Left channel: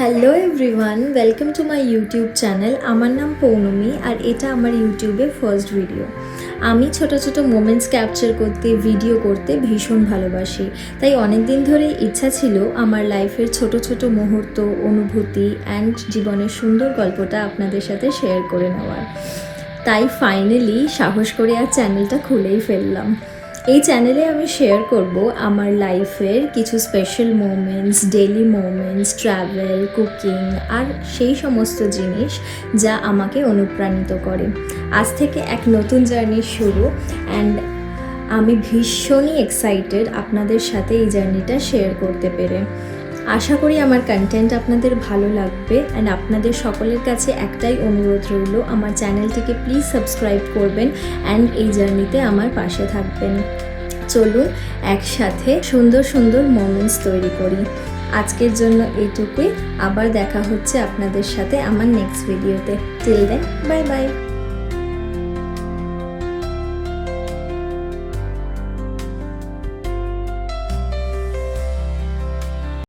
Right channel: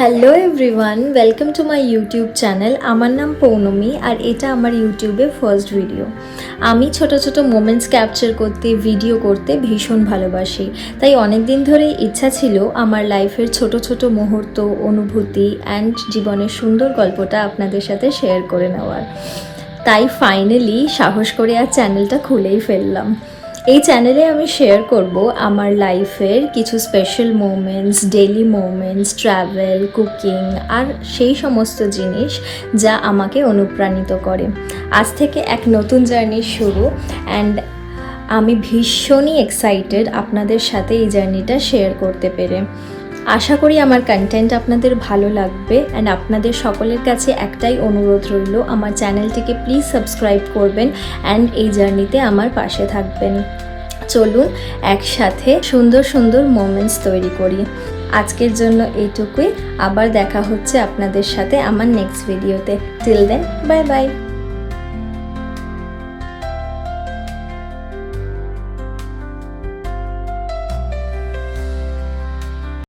Hello everyone, welcome to my YouTube channel. আমার নাম পৌনমি আর এটা আমার ইউটিউবে ফার্স্ট ভিডিও। আমি ছোট ছোট মোমেন্টস ক্যাপচার করতে, ভিডিও করতে ভীষণ ভালোবাসি। তাই অনেক দিন ধরেই ইচ্ছা ছিল আমার লাইফের ছোট ছোট মুহূর্ত, অনুভূতি অ্যান্ড জীবনের সুন্দর গল্পটা আপনাদের সাথে শেয়ার করে নেওয়ার। তাই ফাইনালি সাহস করে আর চ্যানেলটা খুলেই ফেললাম। এই চ্যানেলে আমি শেয়ার করব আমার লাইফের কিছু special moments, daily moments, travel, cooking আর সেই সমস্ত জিনিস যা আমাকে অনুপ্রাণিত করে। আজ থেকে এক নতুন জার্নি শুরু অ্যান্ড আমি ভীষণই এক্সাইটেড আপনাদের সাথে এই জার্নিটা শেয়ার করতে পেরে। আশা করি আমার কন্টেন্ট আপনাদের ভালো লাগবে অ্যান্ড আপনাদের সকলের কাছে একটাই অনুরোধ রইল, আমার চ্যানেলটিকে প্লিজ সাবস্ক্রাইব করবেন অ্যান্ড এই জার্নিতে আমার পাশে থাকবেন। চলুন একসাথে সুন্দর সুন্দর মোমেন্টস তৈরি করি। আজকের জন্য এইটুকুই, আবার দেখা হচ্ছে আপনাদের সাথে আমার নেক্সট ভিডিওতে। Till then, bye by.